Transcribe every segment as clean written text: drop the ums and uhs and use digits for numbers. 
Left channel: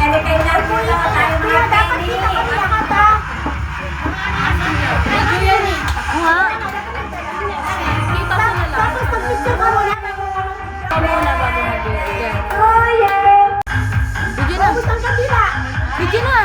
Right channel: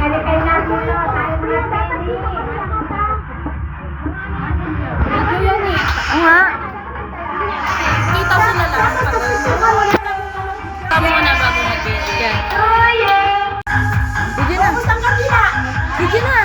kay Narbulo, tayo mga penny. Medyo yan eh. Oo nga. Kita mo na lang. Kita mo na bago mag-video. Yan. Video na. Video na.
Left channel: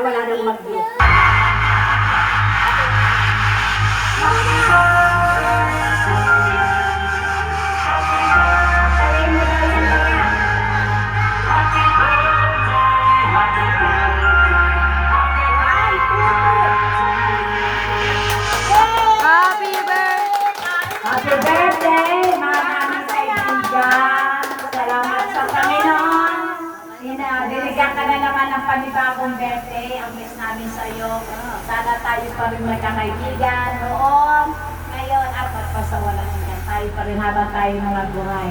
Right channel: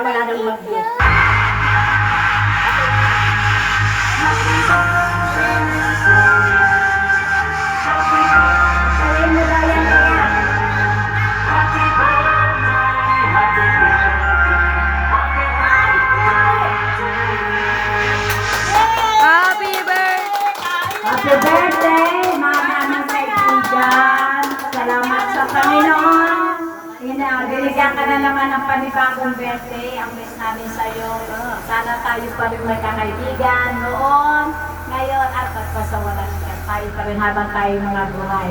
Wala nang mag-view. Happy birthday! Happy birthday, mga naming kaibigan. Salamat sa Panginoon. Binigyan ka na naman ng panibagong birthday. Ang miss namin sa iyo. Sana tayo pa rin magkakaibigan noon, ngayon, at pagpasawalan ka. Tayo pa rin habang tayo mga buhay.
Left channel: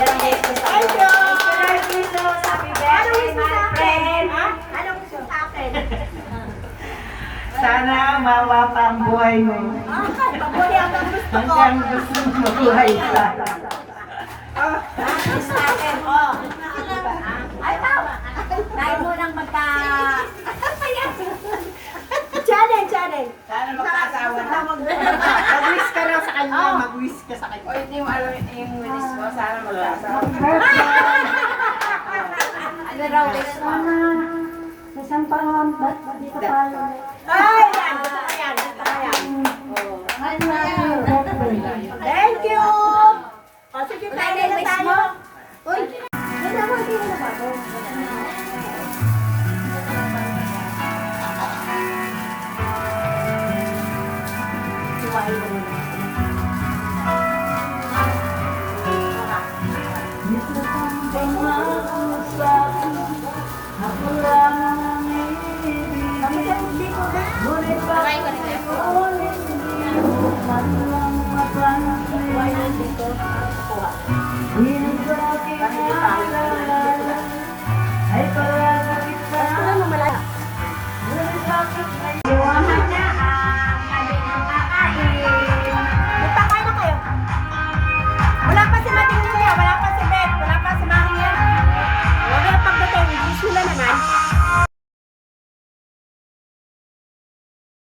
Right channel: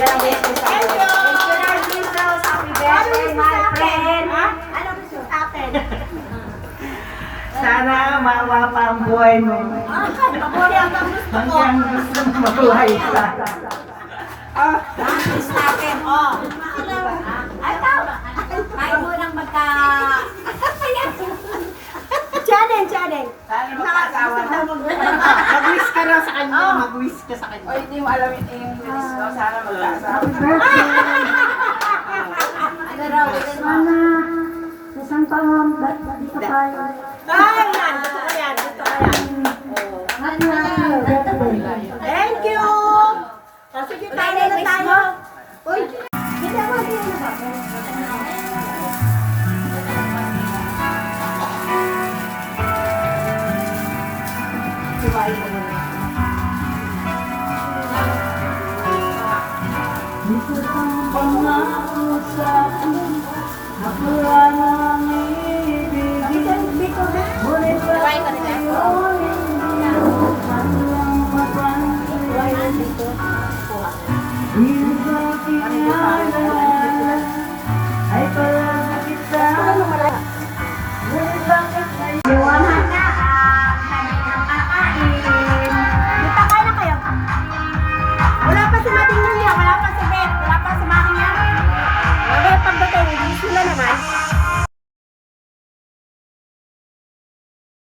Yan ang wish ko sa iyo. Thank you, Lord Jesus. Happy birthday, my friend. Ano gusto sa akin? Sana mawa pa ang buhay mo. Mabuhay hanggang gusto ko. Hanggang gusto mo mabuhay ka. Ang sa akin, oh. Ay, tao. Tayo mo nang magka... Challenge. Sana magkasawa na. Mag-wish ka na sa kanya. Mag-wish ka sa kanya. O, hindi mo alam yung wish ko. Sana magkasawa. Ano raw, wish mo? Sana, isang taon, ba't dito tayo? Ay, yan. Gusto ko yan. Thank you. O, sige, tayo na tayo. Uy, hindi mo, hindi mo.